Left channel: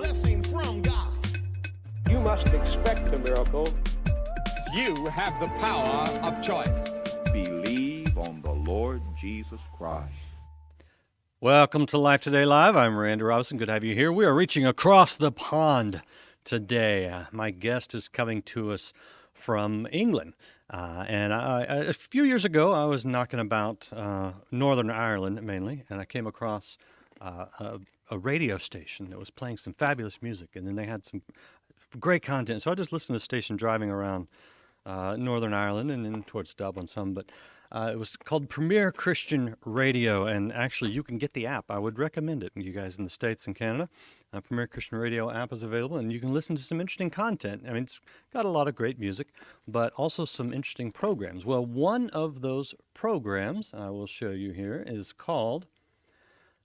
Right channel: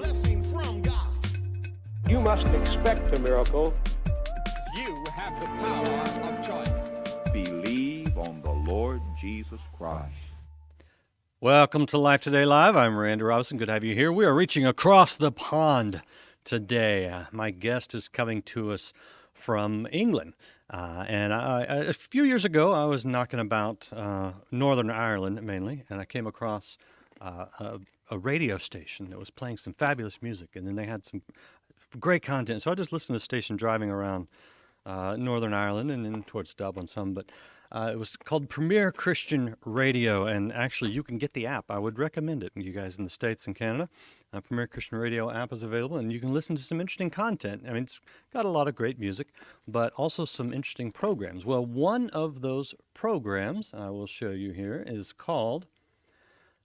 blessing from God. You must expect a miracle. You have the power of choice. Believe on the Lord Jesus Christ. Welcome to Life Today Live. I'm Randy Robinson. Good to have you here. We are reaching across the pond today. My guest is coming to us from England. And a few years ago, I was knocking about Northern Ireland mainly, and I came across a radio station that was playing some fabulous music, and then they had some great content. So I just listened to the station driving around Northern Ireland and then towards Dublin some, but it was called Premier Christian Radio, and actually you can get the app. I would recommend it, you guys in the States and Canada. Premier Christian Radio app is available, and you can listen to some interesting content. I mean, it's got a lot of great music, but also some interesting programs. Well, one of those programs I will show you here is called,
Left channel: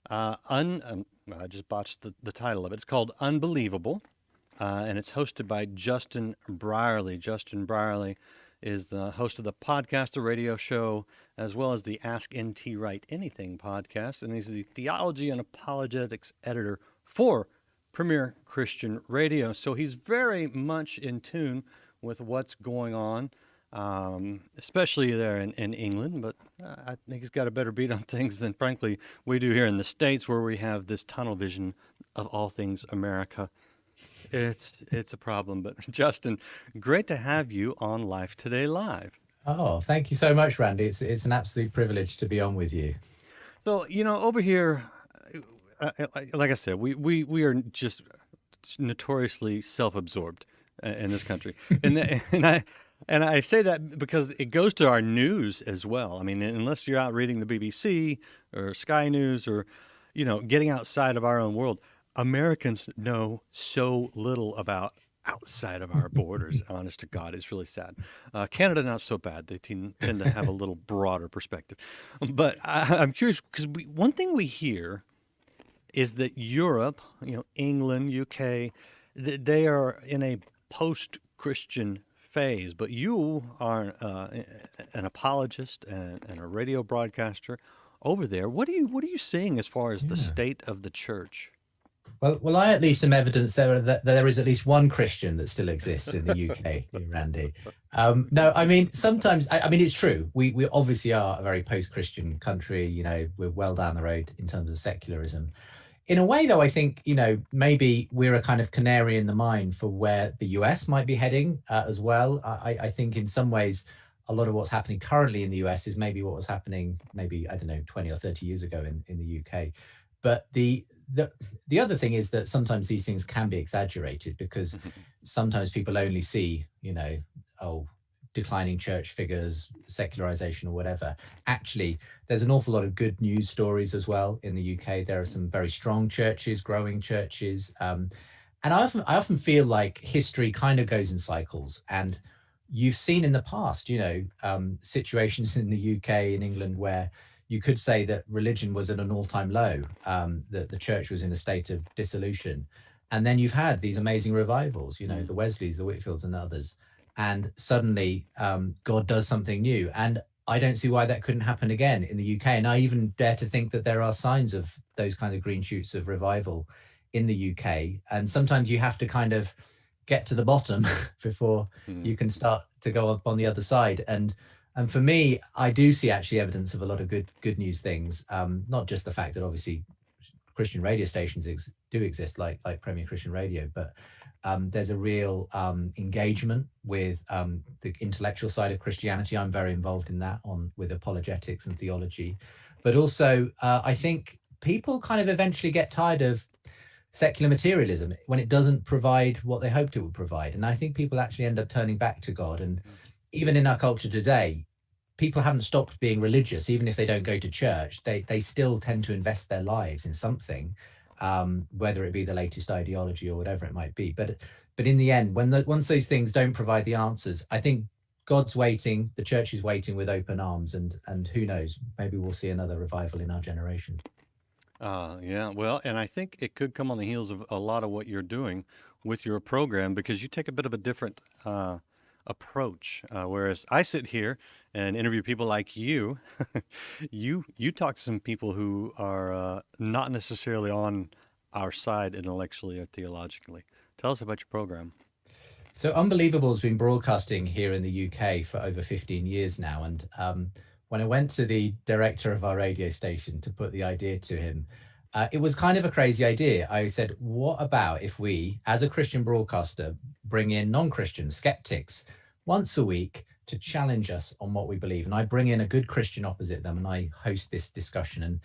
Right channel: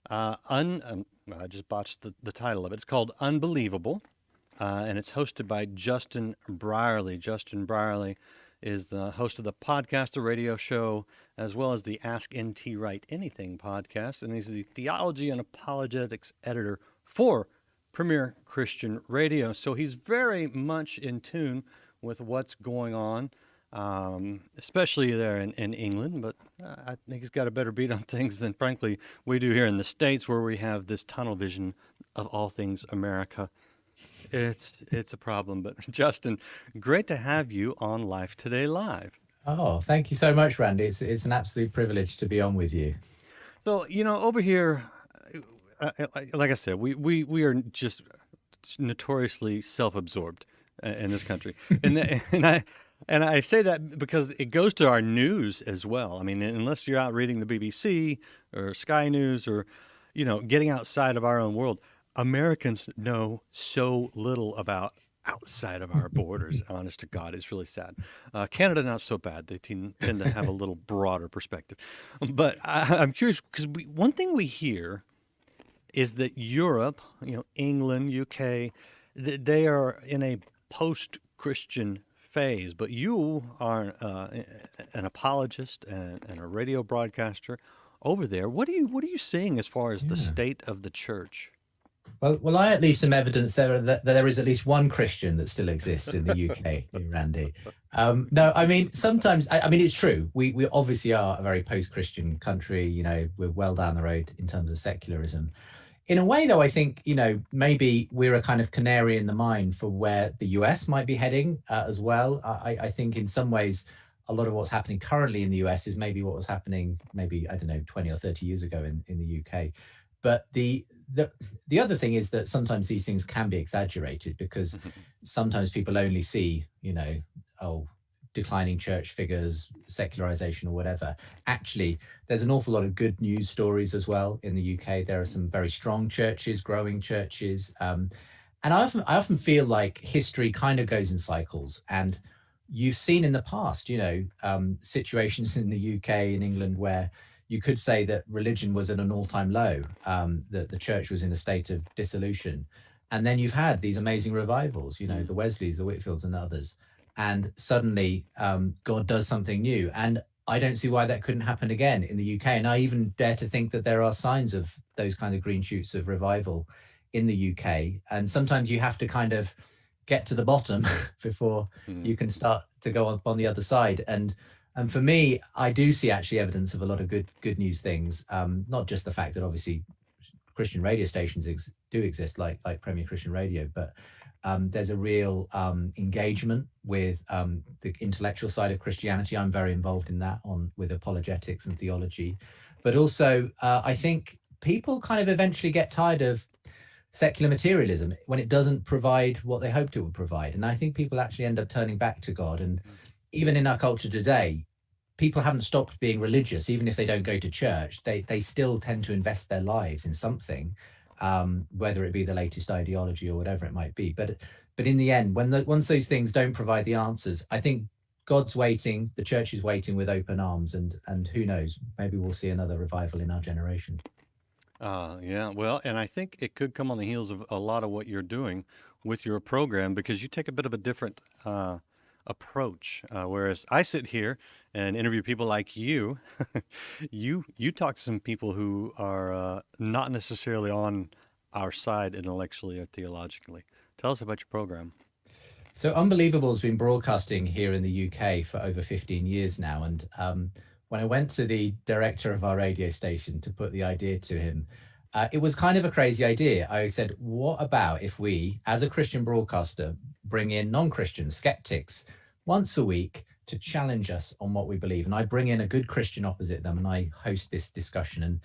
I just botched the title of it. It's called Unbelievable, and it's hosted by Justin Brierly. Justin Brierly is the host of the podcast, the radio show, as well as the Ask NT Write Anything podcast, and he's the theology and apologetics editor for Premier Christian Radio. So he's very much in tune with what's going on, especially there in England, but I think he's got a better beat on things than, frankly, we do here in the States, where we have this tunnel vision of all things America. It's a problem, but Justin, great to have you on Life Today Live. Oh, thank you so much, Randy. It's an absolute privilege to be on with you. So, over here, like I said, we are just notoriously self-absorbed in this country, and I say that because it goes to our news as well. I mean, unless you're out reading the BBC or Sky News or getting outside of our own world, Americans know so little about outside of our borders. Honest to God, it's really sad. Canada, not so bad. They tend to have a little broader perspective. But I'm curious, because one thing we hear is that Europe, England, UK, they are in a post-Christian phase. But you are an apologist and a radio broadcaster over there. What are you seeing as far as the state of the church? Well, I at least am evidence that there is at least one Christian that still exists in the UK, Randy. No, I mean, sometimes, I mean, it's true. We obviously are a very post-Christian country. We're well down the road in terms of secularism. In a way, though, I think, maybe we're a kind of canary in the mine for where the US might be heading as well. I think in some ways, a lot of what's happening currently in the US is maybe what was happening, maybe, I don't know, 20 or 30 years ago in the UK. But the other thing is that sometimes these things can be exaggerated, because sometimes people only see, declining church figures, secularization or whatever. Actually, there's an awful lot of good news stories as well in the UK. There are some very strong churches, growing churches. And I often feel like history kind of goes in cycles. And you've seen in the past, situations in the UK and England where you could say that religion was at an all-time low, that the church was in a state of dissolution. And then you've had these amazing revivals, the Wesleys, the Whitfields and others. And suddenly God does something new. And I don't see why that couldn't happen again in the UK. And I even dare to think that there are signs of those kind of green shoots of revival in the UK. And sometimes you have to kind of get to the bottom before you can start to go up on the other side. And for me, I do see actually evidence of a lot of good news things. Not just the fact that obviously Christian radio stations do exist, like Premier Christian Radio, but there's a real engagement with the intellectual side of Christianity. I'm very involved in that with apologetics and theology. But also, I think people kind of eventually get tired of secular materialism when it doesn't provide what they hoped it would provide. And I think people actually end up turning back to God. And even in our culture today, people haven't stopped being religious. Even if they don't go to church, they still tend to invest their lives in something, whether it be the latest ideology or whatever it might be. But in the end, once those things don't provide the answers, I think God's waiting, the church is waiting with open arms, and who knows, maybe we'll see another revival in our generation. Yeah, well, and I think it could come on the heels of a lot of what you're doing with your program, because you take a bit of a different approach. Whereas I sit here and interview people like you, you talk to some people who are not necessarily on our side intellectually or theologically. Tell us about your program. So Unbelievable has been broadcasting here in the UK for over 15 years now. And when I went to the director of our radio station to put the idea to him, it was kind of a crazy idea. I said, what about if we, as a Christian broadcaster, bring in non-Christian skeptics once a week to challenge us on what we believe? And I bring in a good Christian opposite them and I host this discussion.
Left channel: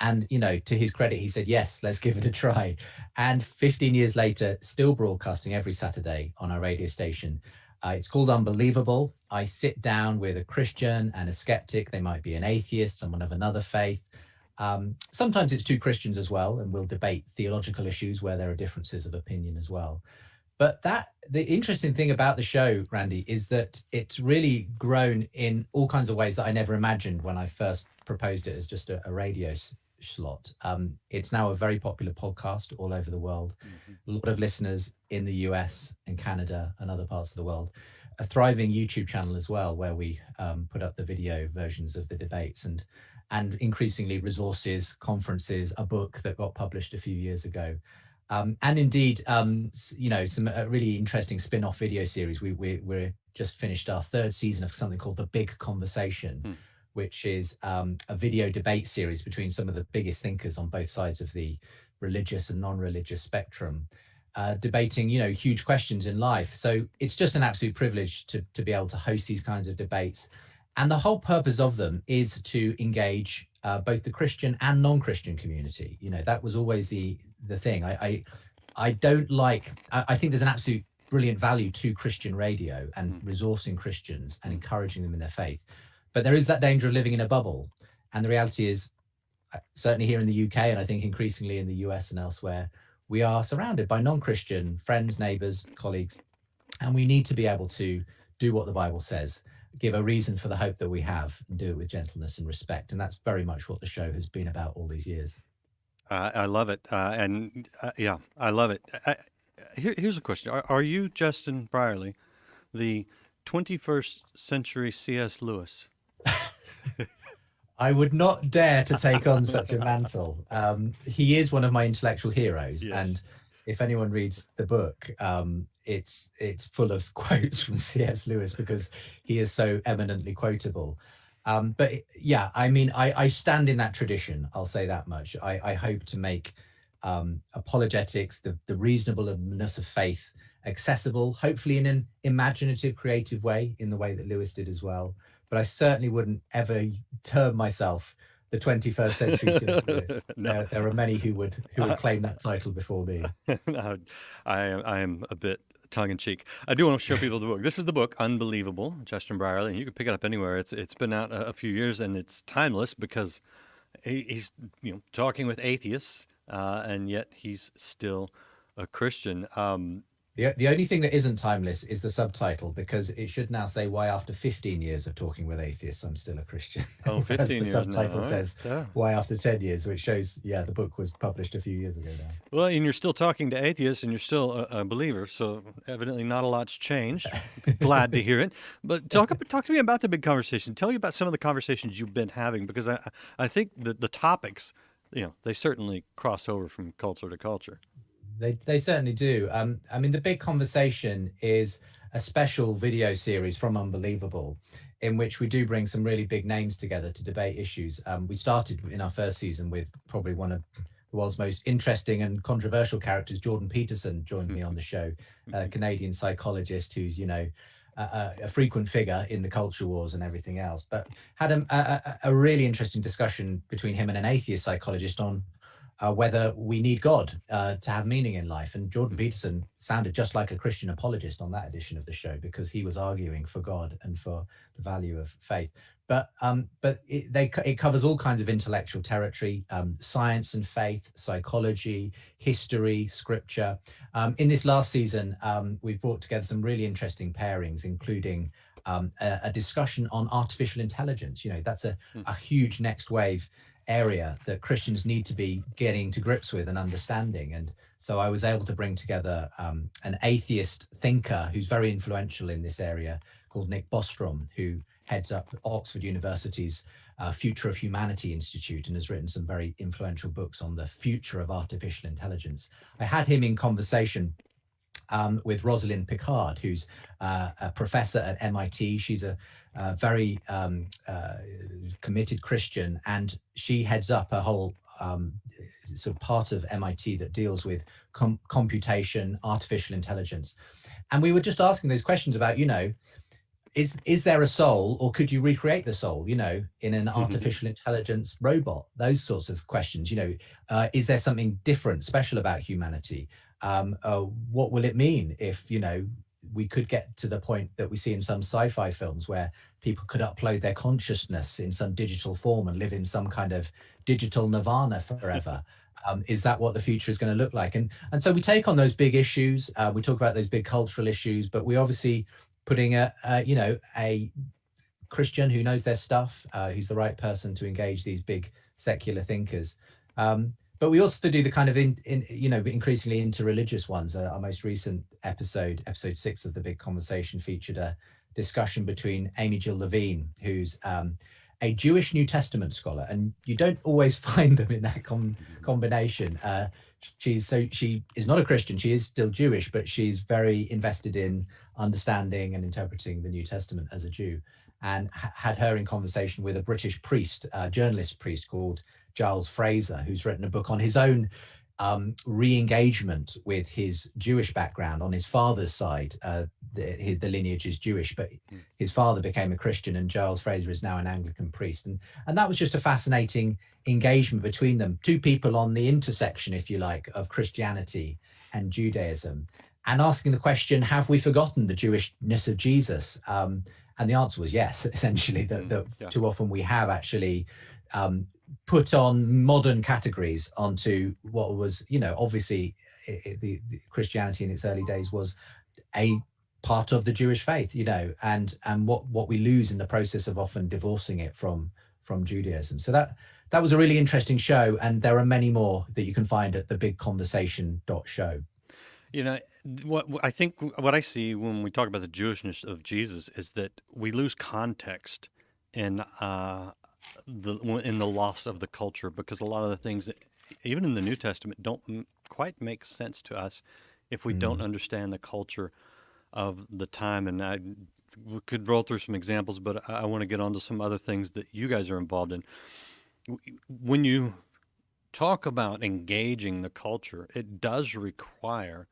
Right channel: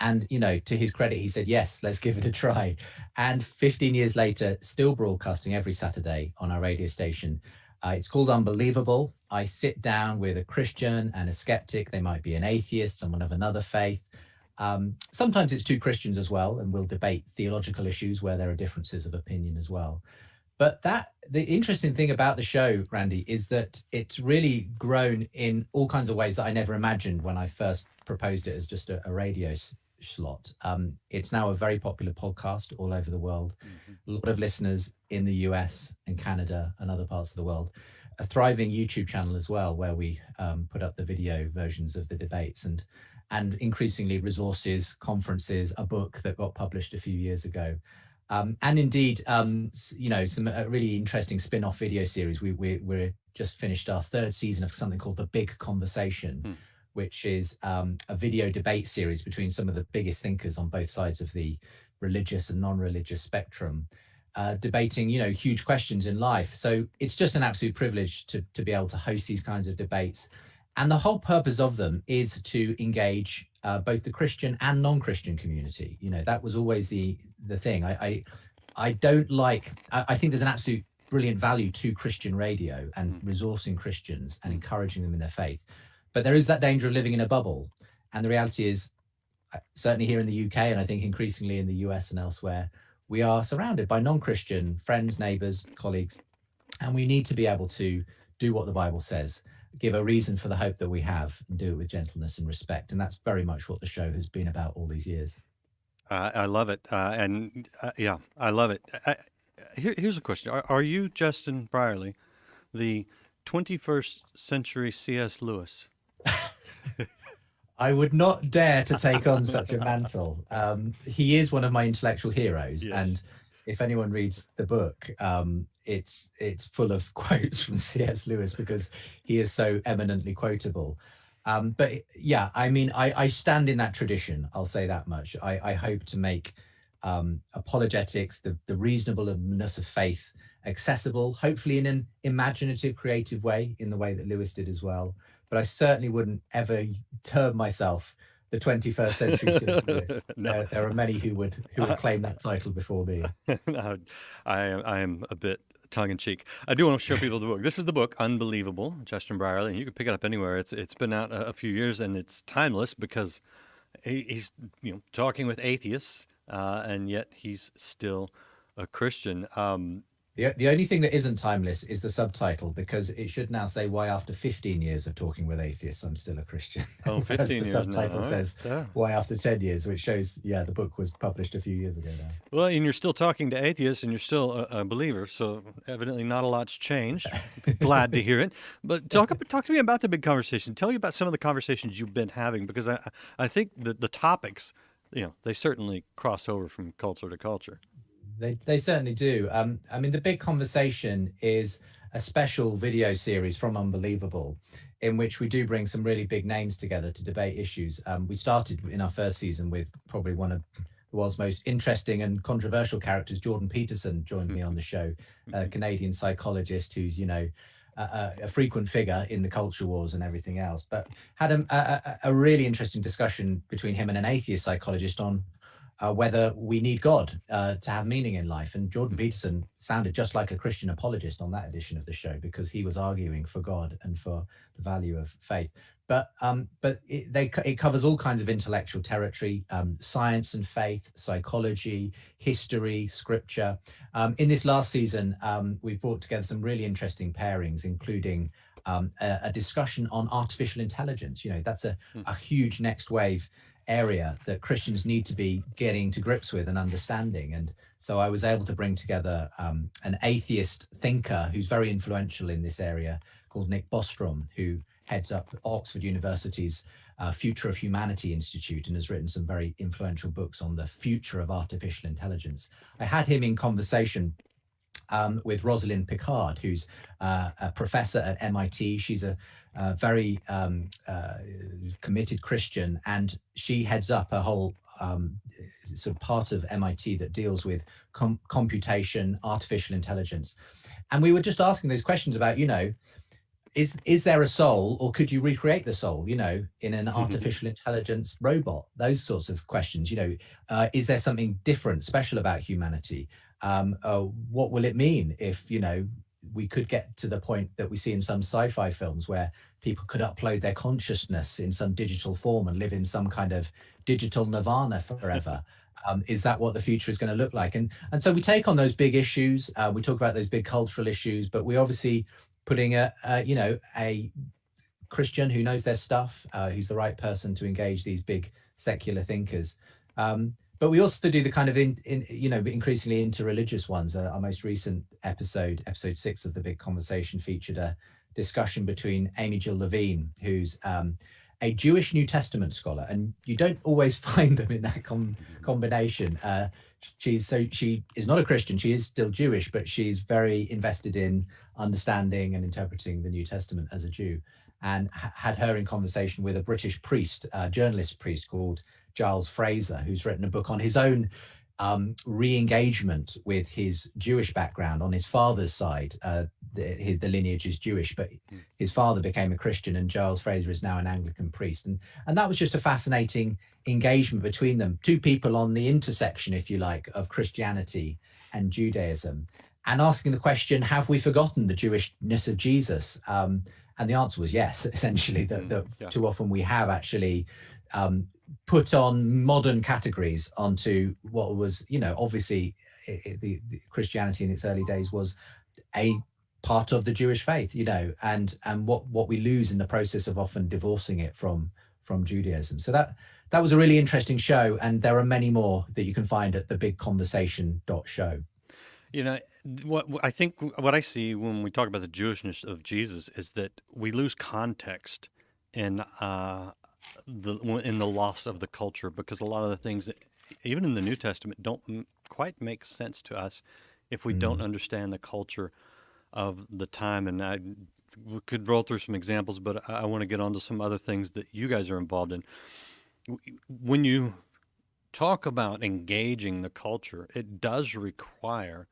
And, you know, to his credit, he said, yes, let's give it a try. And 15 years later, still broadcasting every Saturday on our radio station. It's called Unbelievable. I sit down with a Christian and a skeptic. They might be an atheist, someone of another faith. Sometimes it's two Christians as well, and we'll debate theological issues where there are differences of opinion as well. But the interesting thing about the show, Randy, is that it's really grown in all kinds of ways that I never imagined when I first proposed it as just a radio slot. It's now a very popular podcast all over the world. A lot of listeners in the US and Canada and other parts of the world. A thriving YouTube channel as well, where we put up the video versions of the debates and increasingly resources, conferences, a book that got published a few years ago. And indeed, you know, some really interesting spin-off video series. We're just finished our third season of something called The Big Conversation, which is a video debate series between some of the biggest thinkers on both sides of the religious and non-religious spectrum, debating, you know, huge questions in life. So it's just an absolute privilege to be able to host these kinds of debates. And the whole purpose of them is to engage both the Christian and non-Christian community. You know, that was always the thing. I don't like, I think there's an absolute brilliant value to Christian radio and resourcing Christians and encouraging them in their faith. But there is that danger of living in a bubble. And the reality is, certainly here in the UK, and I think increasingly in the US and elsewhere, we are surrounded by non-Christian friends, neighbors, colleagues, and we need to be able to do what the Bible says, give a reason for the hope that we have, and do it with gentleness and respect. And that's very much what the show has been about all these years. I love it. Yeah, I love it. Here's a question. Are you, Justin Brierly, the 21st century C.S. Lewis? I would not dare to take on such a mantle. He is one of my intellectual heroes. Yes. And if anyone reads the book, it's full of quotes from C.S. Lewis because he is so eminently quotable. But yeah, I mean, I stand in that tradition. I'll say that much. I hope to make apologetics, the reasonableness of faith, accessible, hopefully in an imaginative, creative way, in the way that Lewis did as well. But I certainly wouldn't ever term myself the 21st century C.S. Lewis. No. There are many who would claim that title before me. I am a bit tongue-in-cheek. I do want to show people the book. This is the book, Unbelievable, Justin Brierly, and you can pick it up anywhere. It's been out a few years, and it's timeless because he's talking with atheists, and yet he's still a Christian. The only thing that isn't timeless is the subtitle, because it should now say, why after 15 years of talking with atheists, I'm still a Christian. Oh, 15 years. The subtitle says, why after 10 years, which shows, the book was published a few years ago now. Well, and you're still talking to atheists and you're still a believer. So evidently not a lot's changed. Glad to hear it. But talk to me about the big conversation. Tell me about some of the conversations you've been having, because I think the topics, they certainly cross over from culture to culture. They certainly do. I mean, the big conversation is a special video series from Unbelievable, in which we do bring some really big names together to debate issues. We started in our first season with probably one of the world's most interesting and controversial characters. Jordan Peterson joined me on the show, a Canadian psychologist who's, a frequent figure in the culture wars and everything else, but had a really interesting discussion between him and an atheist psychologist on whether we need God to have meaning in life. And Jordan Peterson sounded just like a Christian apologist on that edition of the show, because he was arguing for God and for the value of faith. But it covers all kinds of intellectual territory, science and faith, psychology, history, scripture. In this last season, we've brought together some really interesting pairings, including a discussion on artificial intelligence. That's a huge next wave area that Christians need to be getting to grips with and understanding. And so I was able to bring together an atheist thinker who's very influential in this area, called Nick Bostrom, who heads up Oxford University's Future of Humanity Institute, and has written some very influential books on the future of artificial intelligence. I had him in conversation with Rosalind Picard, who's a professor at MIT. She's a very committed Christian, and she heads up a whole sort of part of MIT that deals with computation, artificial intelligence. And we were just asking those questions about, is there a soul, or could you recreate the soul, in an artificial intelligence robot? Those sorts of questions, is there something different, special about humanity? What will it mean if, we could get to the point that we see in some sci-fi films where people could upload their consciousness in some digital form and live in some kind of digital nirvana forever? Is that what the future is going to look like? And so we take on those big issues. We talk about those big cultural issues, but we obviously putting a Christian who knows their stuff, who's the right person to engage these big secular thinkers. But we also do the kind of increasingly interreligious ones. Our most recent episode 6 of The Big Conversation, featured a discussion between Amy Jill Levine, who's a Jewish New Testament scholar, and you don't always find them in that combination. She is not a Christian. She is still Jewish, but she's very invested in understanding and interpreting the New Testament as a Jew, and had her in conversation with a British priest, journalist priest called Giles Fraser, who's written a book on his own re-engagement with his Jewish background. On his father's side, the lineage is Jewish, but his father became a Christian, and Giles Fraser is now an Anglican priest. And that was just a fascinating engagement between them, two people on the intersection, if you like, of Christianity and Judaism, and asking the question, have we forgotten the Jewishness of Jesus? And the answer was yes, essentially, that too often we have actually put on modern categories onto what was, obviously the Christianity in its early days was a part of the Jewish faith, and what we lose in the process of often divorcing it from Judaism. So that was a really interesting show, and there are many more that you can find at thebigconversation.show. What I see when we talk about the Jewishness of Jesus is that we lose context in the loss of the culture, because a lot of the things that even in the New Testament don't quite make sense to us if we don't understand the culture of the time. And we could roll through some examples, but I want to get onto some other things that you guys are involved in. When you talk about engaging the culture, it does require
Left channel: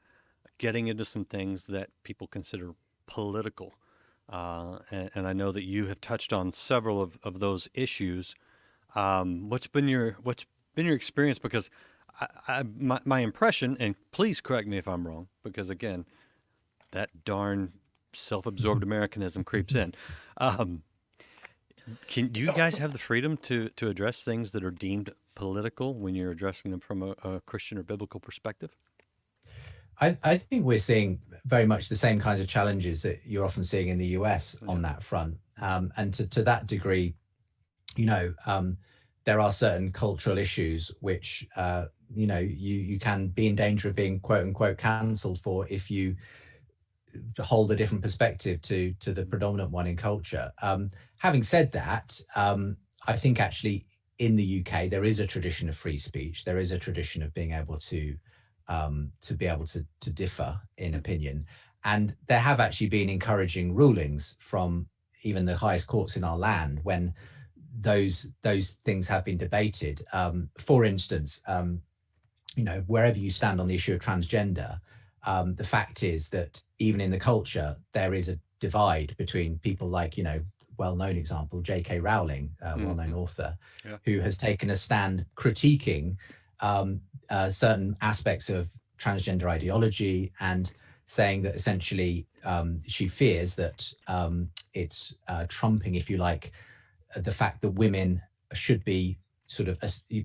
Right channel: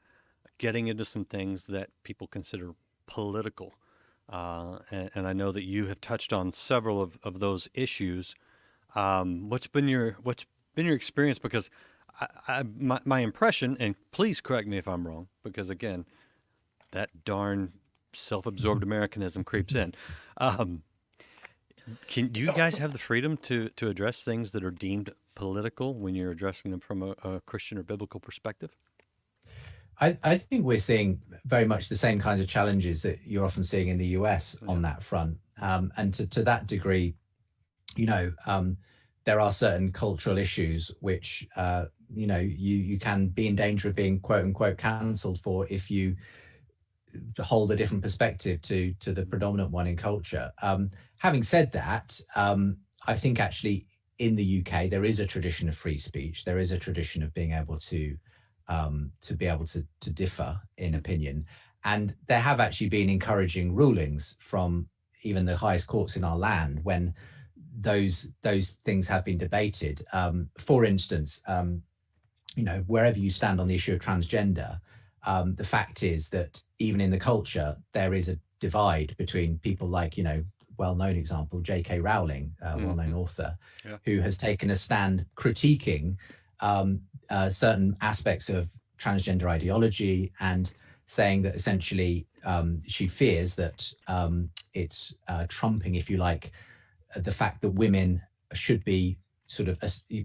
getting into some things that people consider political. And I know that you have touched on several of those issues. What's been your experience? Because my impression, and please correct me if I'm wrong, because again, that darn self-absorbed Americanism creeps in. Do you guys have the freedom to address things that are deemed political when you're addressing them from a Christian or biblical perspective? I think we're seeing very much the same kinds of challenges that you're often seeing in the US on that front. And to that degree, there are certain cultural issues which, you can be in danger of being quote unquote cancelled for if you hold a different perspective to the predominant one in culture. Having said that, I think actually in the UK, there is a tradition of free speech. There is a tradition of being able to differ in opinion. And there have actually been encouraging rulings from even the highest courts in our land when those things have been debated. For instance, wherever you stand on the issue of transgender, the fact is that even in the culture, there is a divide between people like, well-known example, J.K. Rowling, well-known author, who has taken a stand critiquing certain aspects of transgender ideology and saying that essentially she fears that it's trumping, if you like, the fact that women should be sort of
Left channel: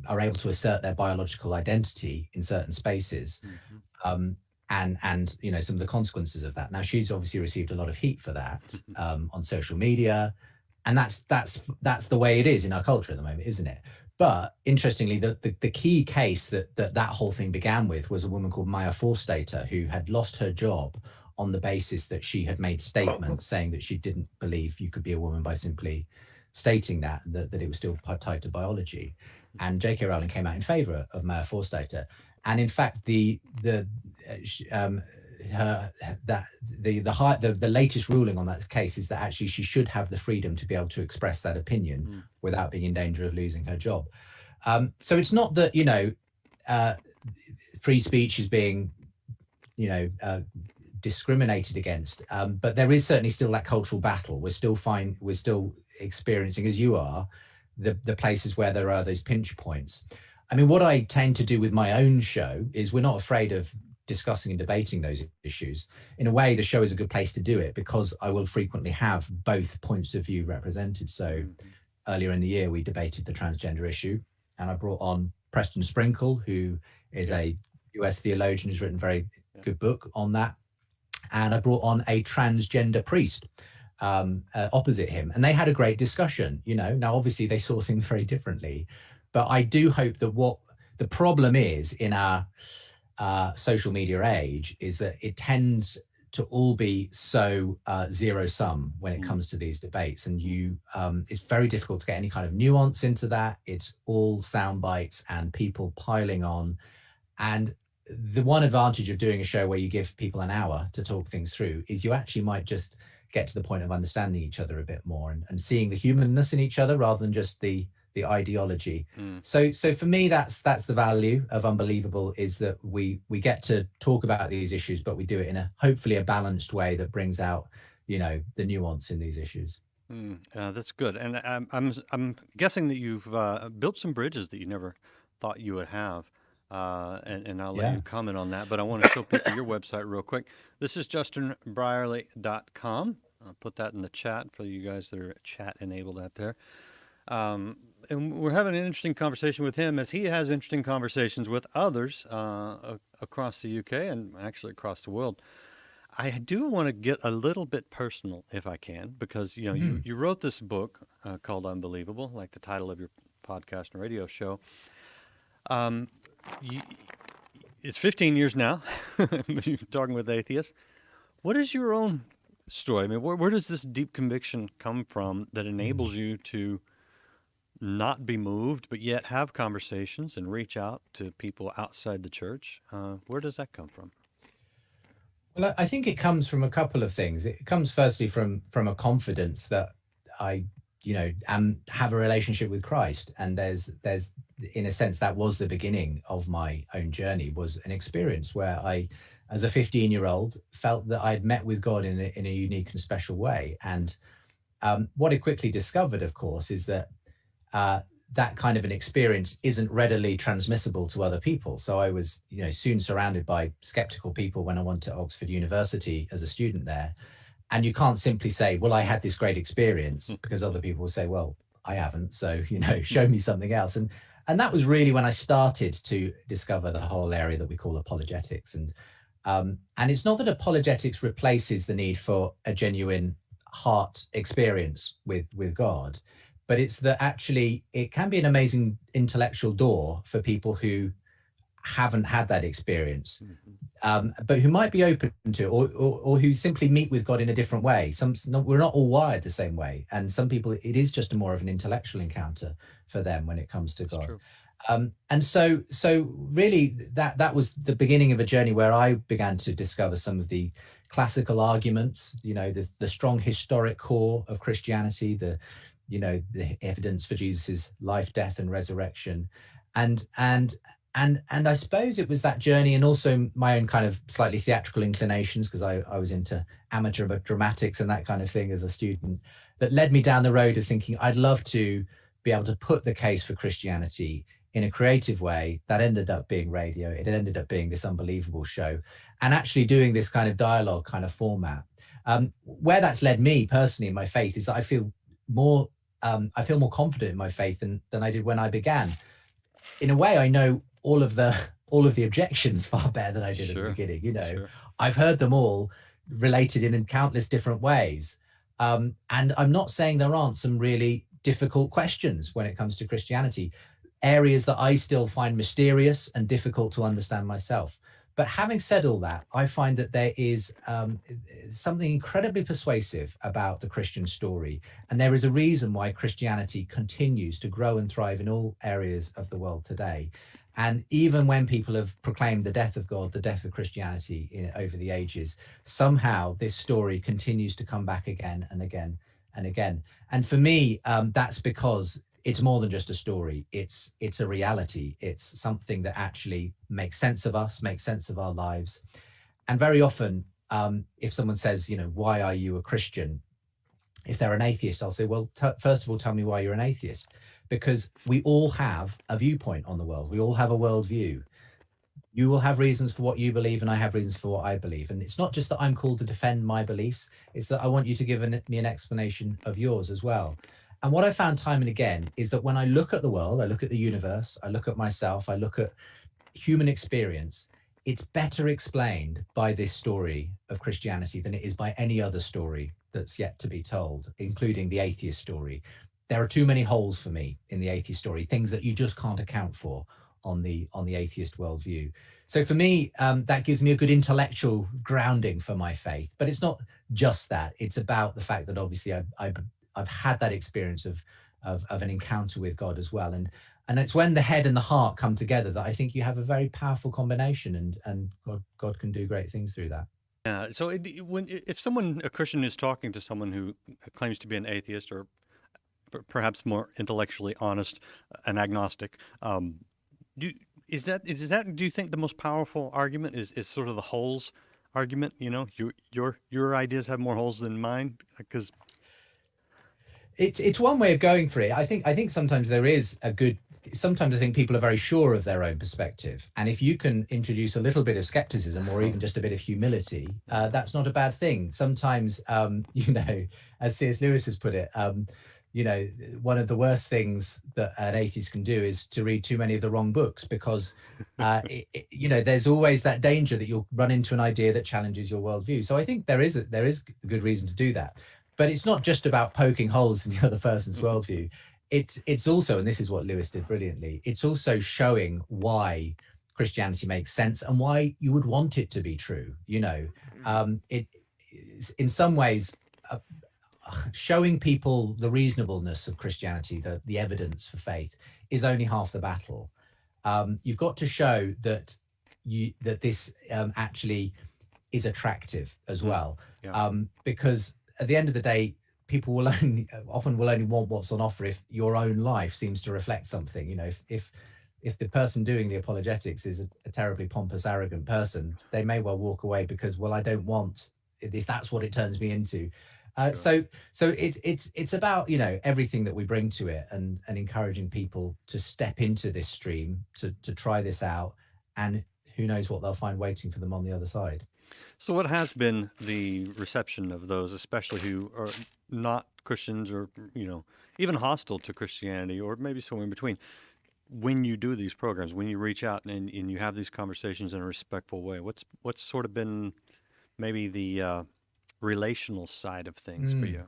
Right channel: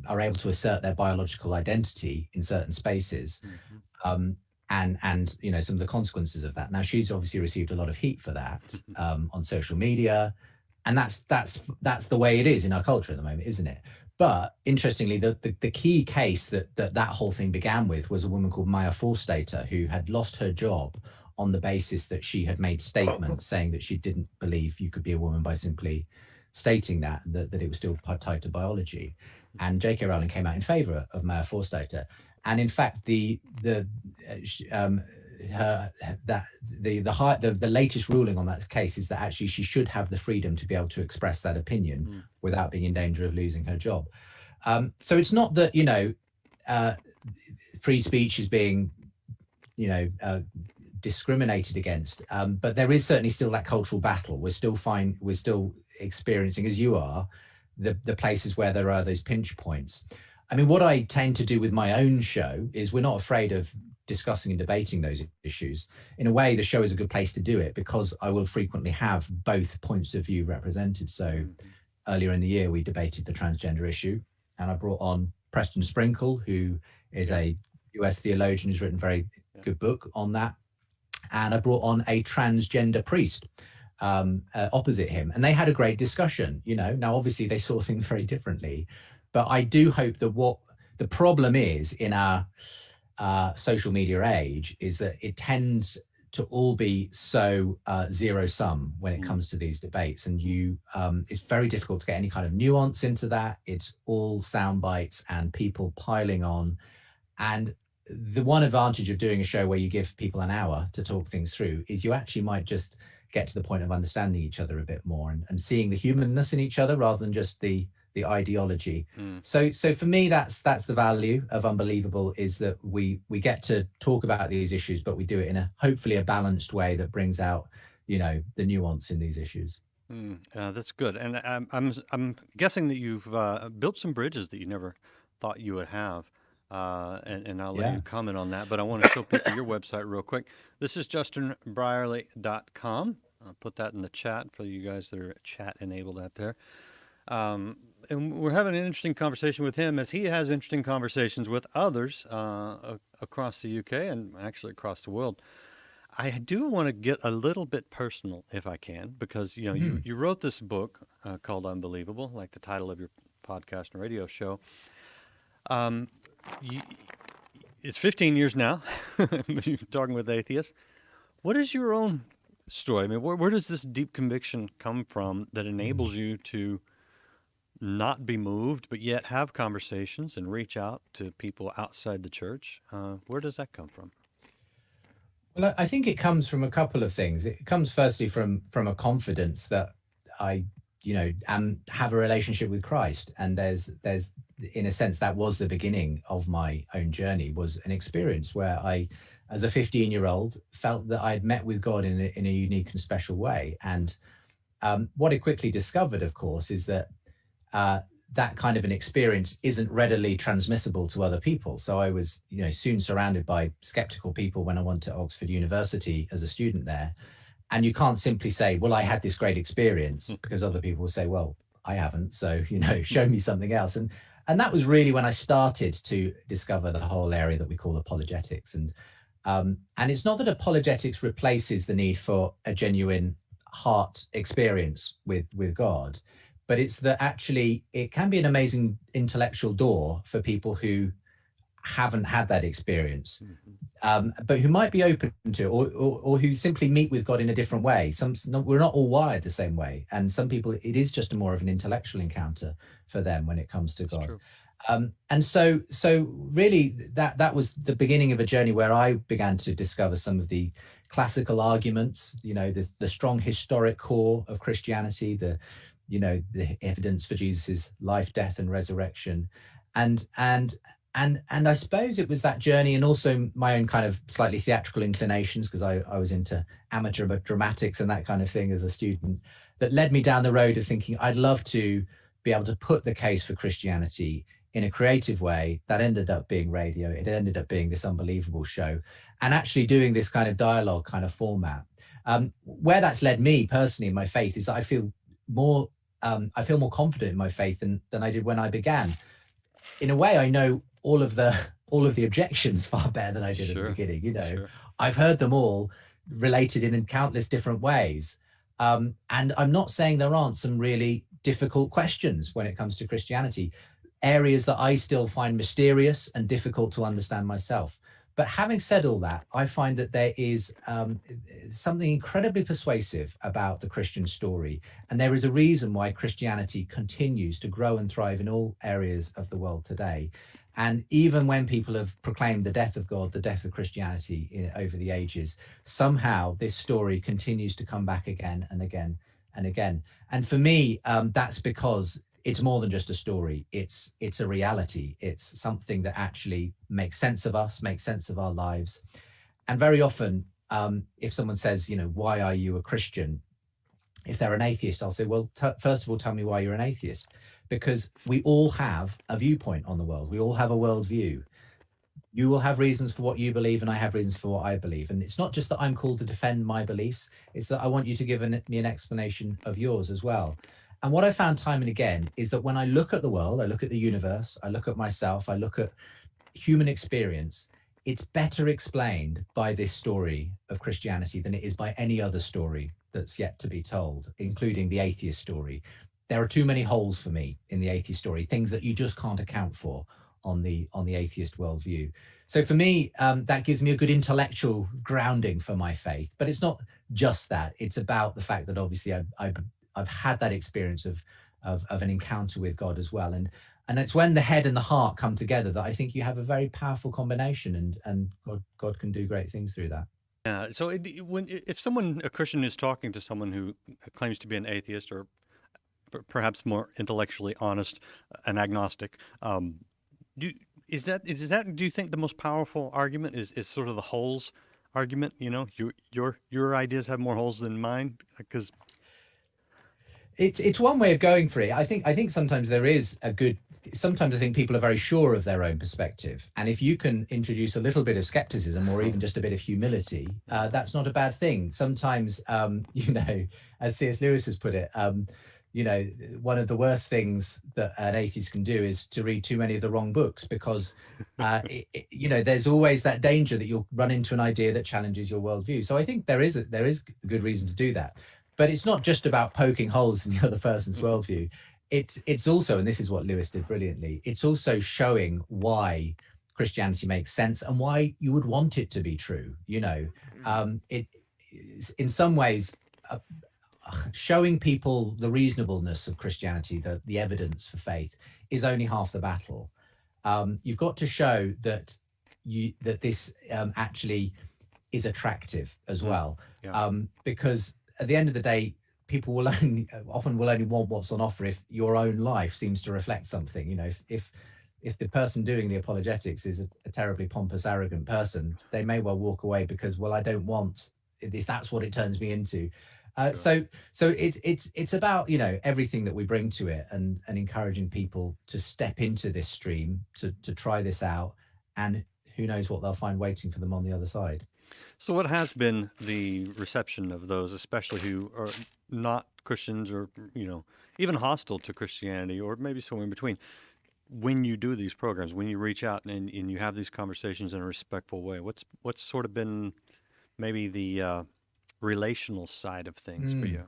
are able to assert their biological identity in certain spaces, and some of the consequences of that. Now, she's obviously received a lot of heat for that on social media, and that's the way it is in our culture at the moment, isn't it? But interestingly, the key case that whole thing began with was a woman called Maya Forstater, who had lost her job on the basis that she had made statements saying that she didn't believe you could be a woman by simply stating that it was still tied to biology. And J.K. Rowling came out in favor of Maya Forstater. And in fact, the latest ruling on that case is that actually she should have the freedom to be able to express that opinion without being in danger of losing her job. So it's not that, free speech is being, discriminated against, but there is certainly still that cultural battle. We're still experiencing, as you are, the places where there are those pinch points. I mean, what I tend to do with my own show is we're not afraid of discussing and debating those issues. In a way, the show is a good place to do it because I will frequently have both points of view represented. So earlier in the year, we debated the transgender issue, and I brought on Preston Sprinkle, who is a US theologian who's written a very good book on that. And I brought on a transgender priest opposite him, and they had a great discussion. Now obviously they saw things very differently, but I do hope that what the problem is in our social media age is that it tends to all be so zero sum when it comes to these debates, and it's very difficult to get any kind of nuance into that. It's all sound bites and people piling on. And the one advantage of doing a show where you give people an hour to talk things through is you actually might just get to the point of understanding each other a bit more and seeing the humanness in each other rather than just the ideology. So for me, that's the value of Unbelievable, is that we get to talk about these issues, but we do it in hopefully a balanced way that brings out, the nuance in these issues. That's good. And I'm guessing that you've built some bridges that you never thought you would have. And I'll let you comment on that, but I want to show people your website real quick. This is justinbrierly.com. I'll put that in the chat for you guys that are chat enabled out there. And we're having an interesting conversation with him as he has interesting conversations with others across the UK and actually across the world. I do want to get a little bit personal if I can, because you wrote this book called Unbelievable, like the title of your podcast and radio show. It's 15 years now. You're talking with atheists. What is your own story? I mean, where does this deep conviction come from that enables you to not be moved, but yet have conversations and reach out to people outside the church? Where does that come from? Well, I think it comes from a couple of things. It comes firstly from a confidence that I have a relationship with Christ, and there's in a sense that was the beginning of my own journey, was an experience where I, as a 15-year-old, felt that I'd met with God in a unique and special way. And what I quickly discovered, of course, is that that kind of an experience isn't readily transmissible to other people. So I was soon surrounded by skeptical people when I went to Oxford University as a student there. And you can't simply say, well, I had this great experience, because other people will say, well, I haven't. So, show me something else. And that was really when I started to discover the whole area that we call apologetics. And it's not that apologetics replaces the need for a genuine heart experience with God, but it's that actually it can be an amazing intellectual door for people who haven't had that experience, but who might be open to it, or who simply meet with God in a different way. We're not all wired the same way, and some people it is just more of an intellectual encounter for them when it comes to God. And so really that was the beginning of a journey where I began to discover some of the classical arguments, the strong historic core of Christianity, the evidence for Jesus's life, death, and resurrection, and I suppose it was that journey, and also my own kind of slightly theatrical inclinations, because I was into amateur dramatics and that kind of thing as a student, that led me down the road of thinking I'd love to be able to put the case for Christianity in a creative way. That ended up being radio. It ended up being this Unbelievable show, and actually doing this kind of dialogue kind of format. Where that's led me personally in my faith is that I feel more confident in my faith than I did when I began. In a way, I know all of the objections far better than I did at the beginning. I've heard them all related in countless different ways. And I'm not saying there aren't some really difficult questions when it comes to Christianity, areas that I still find mysterious and difficult to understand myself. But having said all that, I find that there is something incredibly persuasive about the Christian story. And there is a reason why Christianity continues to grow and thrive in all areas of the world today. And even when people have proclaimed the death of God, the death of Christianity over the ages, somehow this story continues to come back again and again and again. And for me, that's because it's more than just a story. It's a reality. It's something that actually makes sense of us, makes sense of our lives. And very often, if someone says, why are you a Christian? If they're an atheist, I'll say, well, first of all, tell me why you're an atheist. Because we all have a viewpoint on the world. We all have a worldview. You will have reasons for what you believe, and I have reasons for what I believe. And it's not just that I'm called to defend my beliefs. It's that I want you to give me an explanation of yours as well. And what I found time and again is that when I look at the world, I look at the universe, I look at myself, I look at human experience, it's better explained by this story of Christianity than it is by any other story that's yet to be told, including the atheist story. There are too many holes for me in the atheist story, things that you just can't account for on the atheist worldview. So for me, that gives me a good intellectual grounding for my faith. But it's not just that. It's about the fact that obviously I've had that experience of an encounter with God as well. And it's when the head and the heart come together that I think you have a very powerful combination, and God can do great things through that. Yeah. So if a Christian is talking to someone who claims to be an atheist, or perhaps more intellectually honest, an agnostic, do you think the most powerful argument is sort of the holes argument? Your ideas have more holes than mine, because it's one way of going for it. I think sometimes there is sometimes I think people are very sure of their own perspective. And if you can introduce a little bit of skepticism or even just a bit of humility, that's not a bad thing. Sometimes, as C.S. Lewis has put it, one of the worst things that an atheist can do is to read too many of the wrong books, because, there's always that danger that you'll run into an idea that challenges your worldview. So I think there is a good reason to do that. But it's not just about poking holes in the other person's worldview. It's also, and this is what Lewis did brilliantly, it's also showing why Christianity makes sense and why you would want it to be true. It in some ways showing people the reasonableness of Christianity, the evidence for faith, is only half the battle. You've got to show that this actually is attractive as well, because at the end of the day, people will often only want what's on offer if your own life seems to reflect something. If the person doing the apologetics is a terribly pompous, arrogant person, they may well walk away because, well, I don't want, if that's what it turns me into. Sure. So it's about everything that we bring to it, and encouraging people to step into this stream, to try this out, and who knows what they'll find waiting for them on the other side. So what has been the reception of those, especially who are not Christians, or even hostile to Christianity, or maybe somewhere in between, when you do these programs, when you reach out and you have these conversations in a respectful way? What's sort of been maybe the relational side of things for you?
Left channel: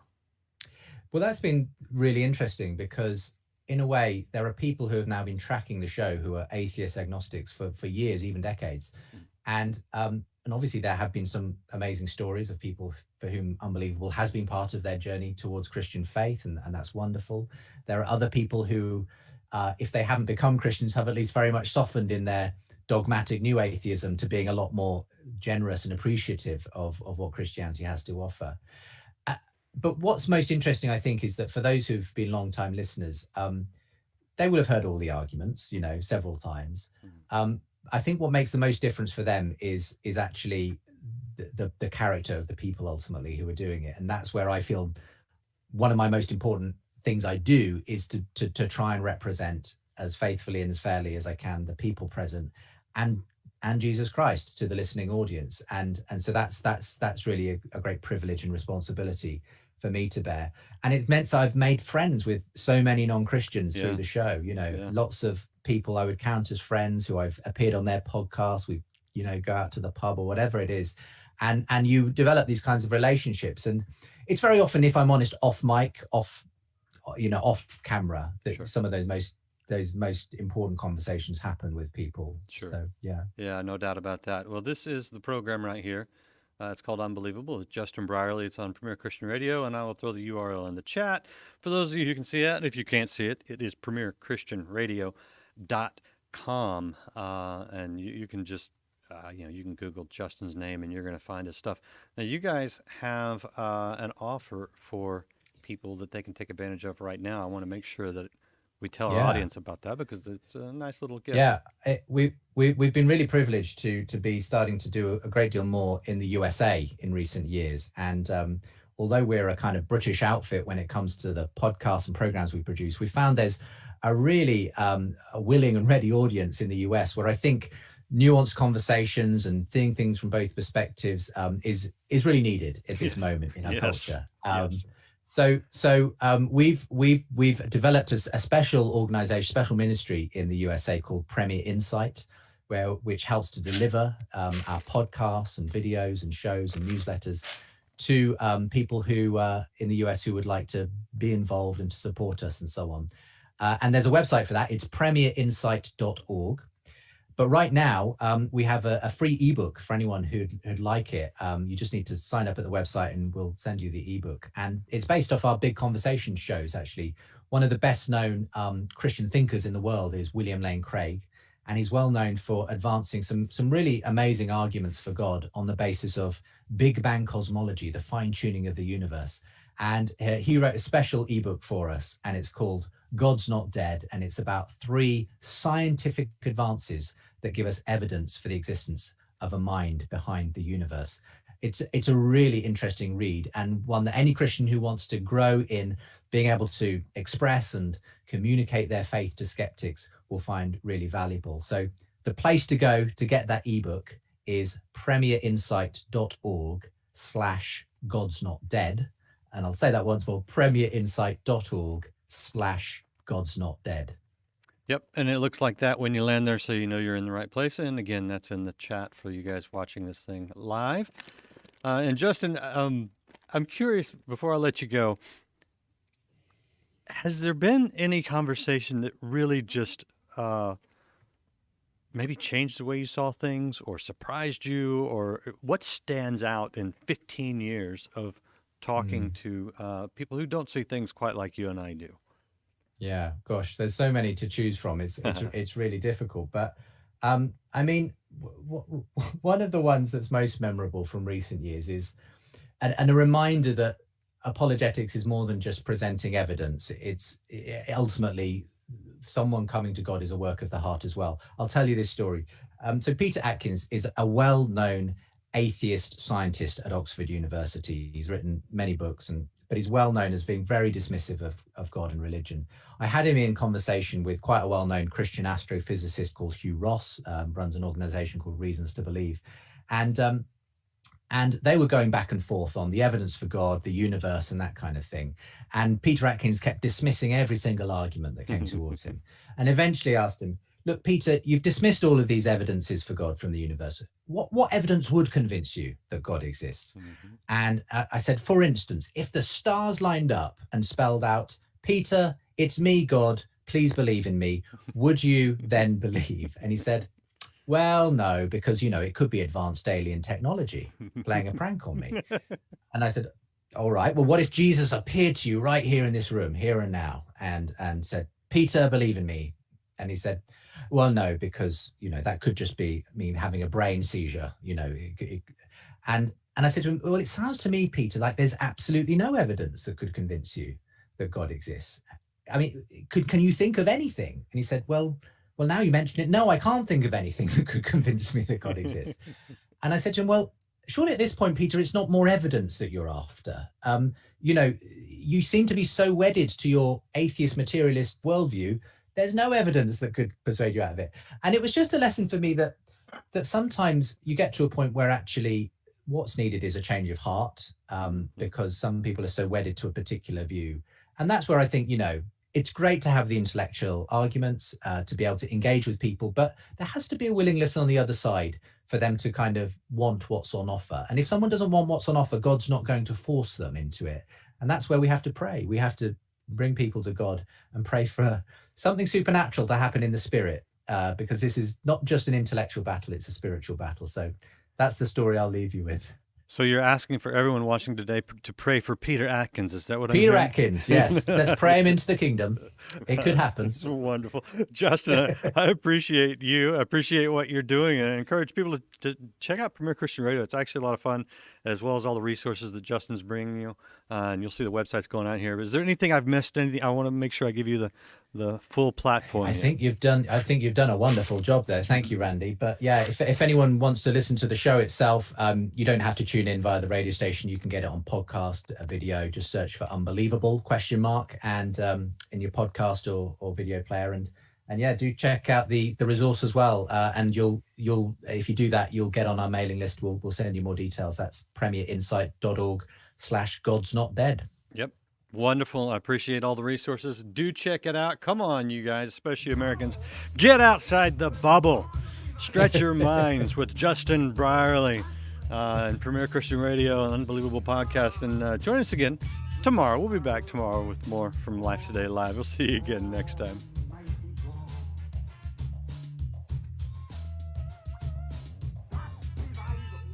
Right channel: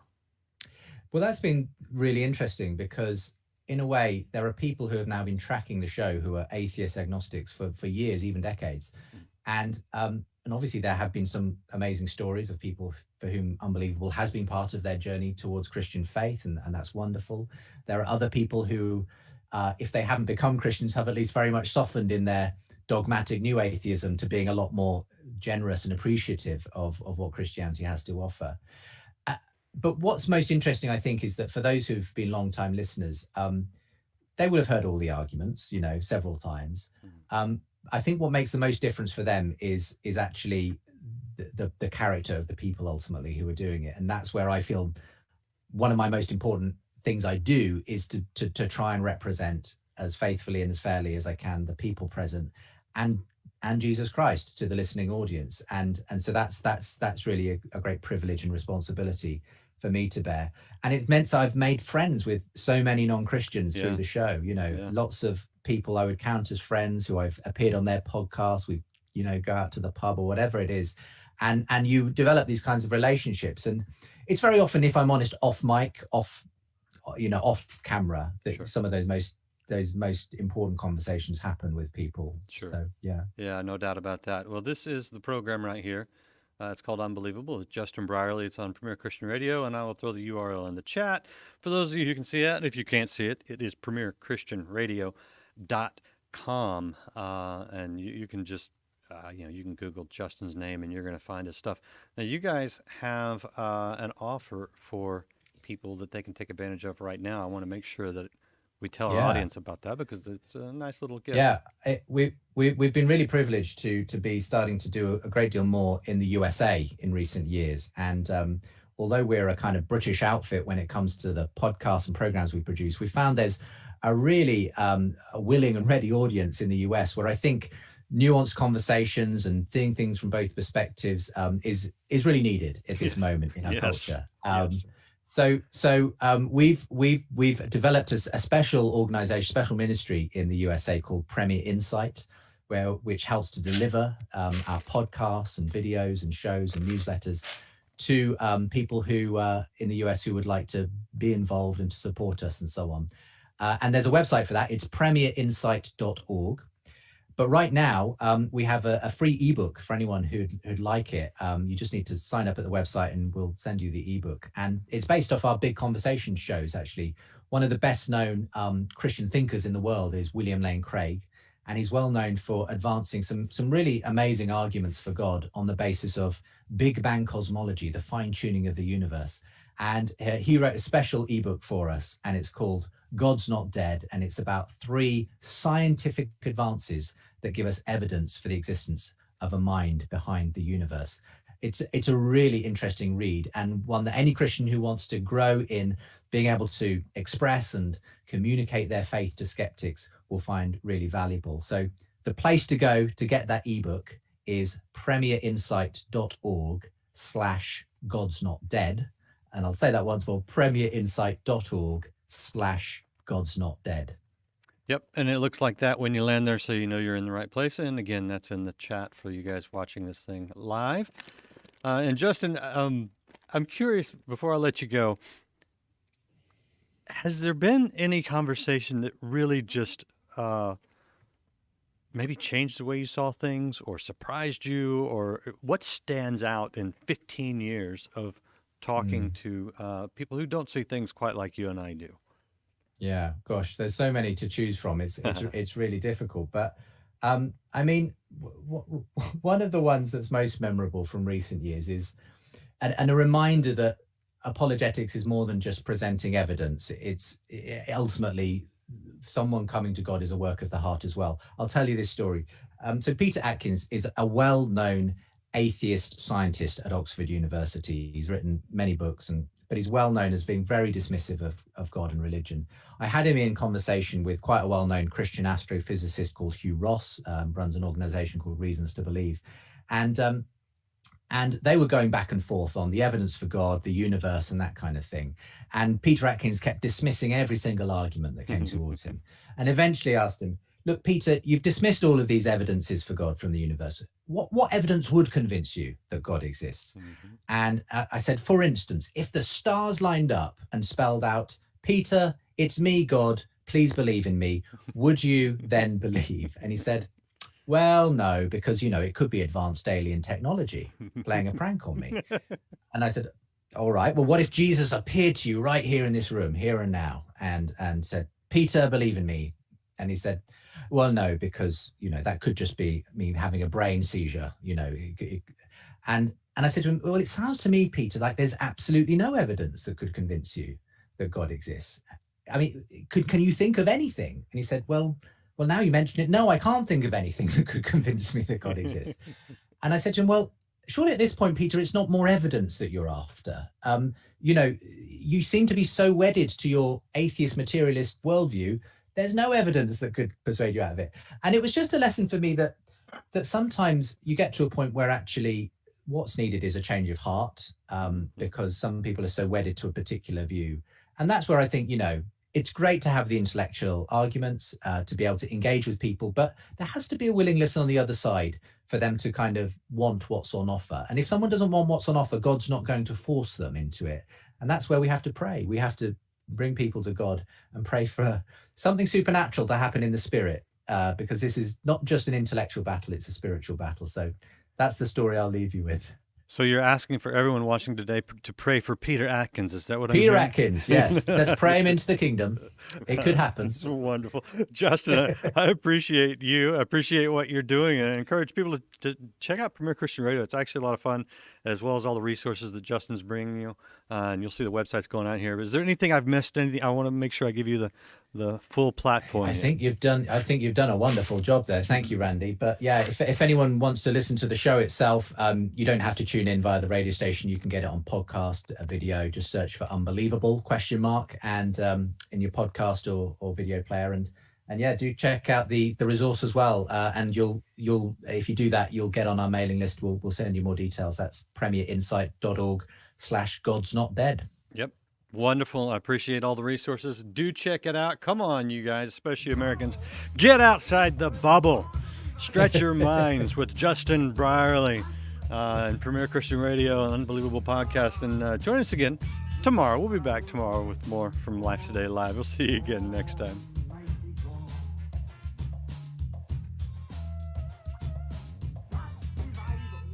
Well, that's been really interesting, because in a way there are people who have now been tracking the show who are atheist agnostics for years, even decades. And obviously there have been some amazing stories of people for whom unbelievable has been part of their journey towards Christian faith, and that's wonderful. There are other people who, if they haven't become Christians, have at least very much softened in their dogmatic new atheism to being a lot more generous and appreciative of what Christianity has to offer. But what's most interesting, I think, is that for those who've been long-time listeners, they will have heard all the arguments, several times. I think what makes the most difference for them is actually the character of the people ultimately who are doing it. And that's where I feel one of my most important things I do is to try and represent as faithfully and as fairly as I can the people present, and Jesus Christ to the listening audience. And so that's really a great privilege and responsibility for me to bear. And it meant I've made friends with so many non-Christians through the show, lots of people I would count as friends who I've appeared on their podcast. We, go out to the pub or whatever it is. And you develop these kinds of relationships. And it's very often, if I'm honest, off mic, off camera, that some of those most those most important conversations happen with people. Sure. So yeah. Yeah, no doubt about that. Well, this is the program right here. It's called Unbelievable. It's Justin Brierly. It's on Premier Christian Radio, and I will throw the URL in the chat for those of you who can see it. If you can't see it, it is premierchristianradio.com, and you can just you can Google Justin's name, and you're going to find his stuff. Now, you guys have an offer for people that they can take advantage of right now. I want to make sure that we tell our audience about that because it's a nice little gift. Yeah, we've been really privileged to be starting to do a great deal more in the USA in recent years. And although we're a kind of British outfit when it comes to the podcasts and programs we produce, we found there's a really a willing and ready audience in the US where I think nuanced conversations and seeing things from both perspectives is really needed at this moment in our culture. So we've developed a special organization, special ministry in the USA called Premier Insight, which helps to deliver our podcasts and videos and shows and newsletters to people who in the US who would like to be involved and to support us and so on. And there's a website for that. It's premierinsight.org. But right now, we have a free ebook for anyone who'd like it. You just need to sign up at the website and we'll send you the ebook. And it's based off our big conversation shows, actually. One of the best known Christian thinkers in the world is William Lane Craig. And he's well known for advancing some really amazing arguments for God on the basis of Big Bang cosmology, the fine tuning of the universe. And he wrote a special ebook for us, and it's called God's Not Dead. And it's about 3 scientific advances that give us evidence for the existence of a mind behind the universe. It's a really interesting read, and one that any Christian who wants to grow in being able to express and communicate their faith to skeptics will find really valuable. So the place to go to get that ebook is premierinsight.org/God's Not Dead. And I'll say that once more, premierinsight.org/God's Not Dead. Yep, and it looks like that when you land there, so you know you're in the right place. And again, that's in the chat for you guys watching this thing live. And Justin, I'm curious, before I let you go, has there been any conversation that really just maybe changed the way you saw things or surprised you? Or what stands out in 15 years of talking to people who don't see things quite like you and I do? Yeah, gosh, there's so many to choose from. It's really difficult. But I mean, one of the ones that's most memorable from recent years is, and a reminder that apologetics is more than just presenting evidence. It's ultimately someone coming to God is a work of the heart as well. I'll tell you this story. So Peter Atkins is a well-known atheist scientist at Oxford University. He's written many books, but he's well known as being very dismissive of God and religion. I had him in conversation with quite a well-known Christian astrophysicist called Hugh Ross, runs an organization called Reasons to Believe. And they were going back and forth on the evidence for God, the universe, and that kind of thing. And Peter Atkins kept dismissing every single argument that came towards him. And eventually asked him, look, Peter, you've dismissed all of these evidences for God from the universe. What evidence would convince you that God exists? And I said, for instance, if the stars lined up and spelled out, Peter, it's me, God, please believe in me, would you then believe? And he said, well, no, because, it could be advanced alien technology playing a prank on me. And I said, all right, well, what if Jesus appeared to you right here in this room, here and now, and said, Peter, believe in me? And he said, well, no, because, that could just be me having a brain seizure, And I said to him, well, it sounds to me, Peter, like there's absolutely no evidence that could convince you that God exists. I mean, can you think of anything? And he said, well, now you mention it. No, I can't think of anything that could convince me that God exists. And I said to him, well, surely at this point, Peter, it's not more evidence that you're after. You seem to be so wedded to your atheist materialist worldview. There's no evidence that could persuade you out of it. And it was just a lesson for me that sometimes you get to a point where actually what's needed is a change of heart, because some people are so wedded to a particular view. And that's where I think, it's great to have the intellectual arguments, to be able to engage with people, but there has to be a willingness on the other side for them to kind of want what's on offer. And if someone doesn't want what's on offer, God's not going to force them into it. And that's where we have to pray. We have to bring people to God, and pray for something supernatural to happen in the spirit, because this is not just an intellectual battle, it's a spiritual battle. So that's the story I'll leave you with. So you're asking for everyone watching today to pray for Peter Atkins. Is that what I'm Peter hearing? Atkins, yes. Let's pray him into the kingdom. It could happen. It's wonderful. Justin, I appreciate you. I appreciate what you're doing, and I encourage people to check out Premier Christian Radio. It's actually a lot of fun, as well as all the resources that Justin's bringing you. And you'll see the websites going out here. But is there anything I've missed? Anything? I want to make sure I give you the full platform. I think you've done a wonderful job there. Thank you, Randy. But yeah, if anyone wants to listen to the show itself, you don't have to tune in via the radio station. You can get it on podcast, a video. Just search for Unbelievable ? And in your podcast or video player. And yeah, do check out the resource as well. And you'll if you do that, you'll get on our mailing list. We'll send you more details. That's premierinsight.org/godsnotdead. Yep. Wonderful. I appreciate all the resources. Do check it out. Come on, you guys, especially Americans. Get outside the bubble. Stretch your minds with Justin Brierly and Premier Christian Radio, an unbelievable podcast. And join us again tomorrow. We'll be back tomorrow with more from Life Today Live. We'll see you again next time.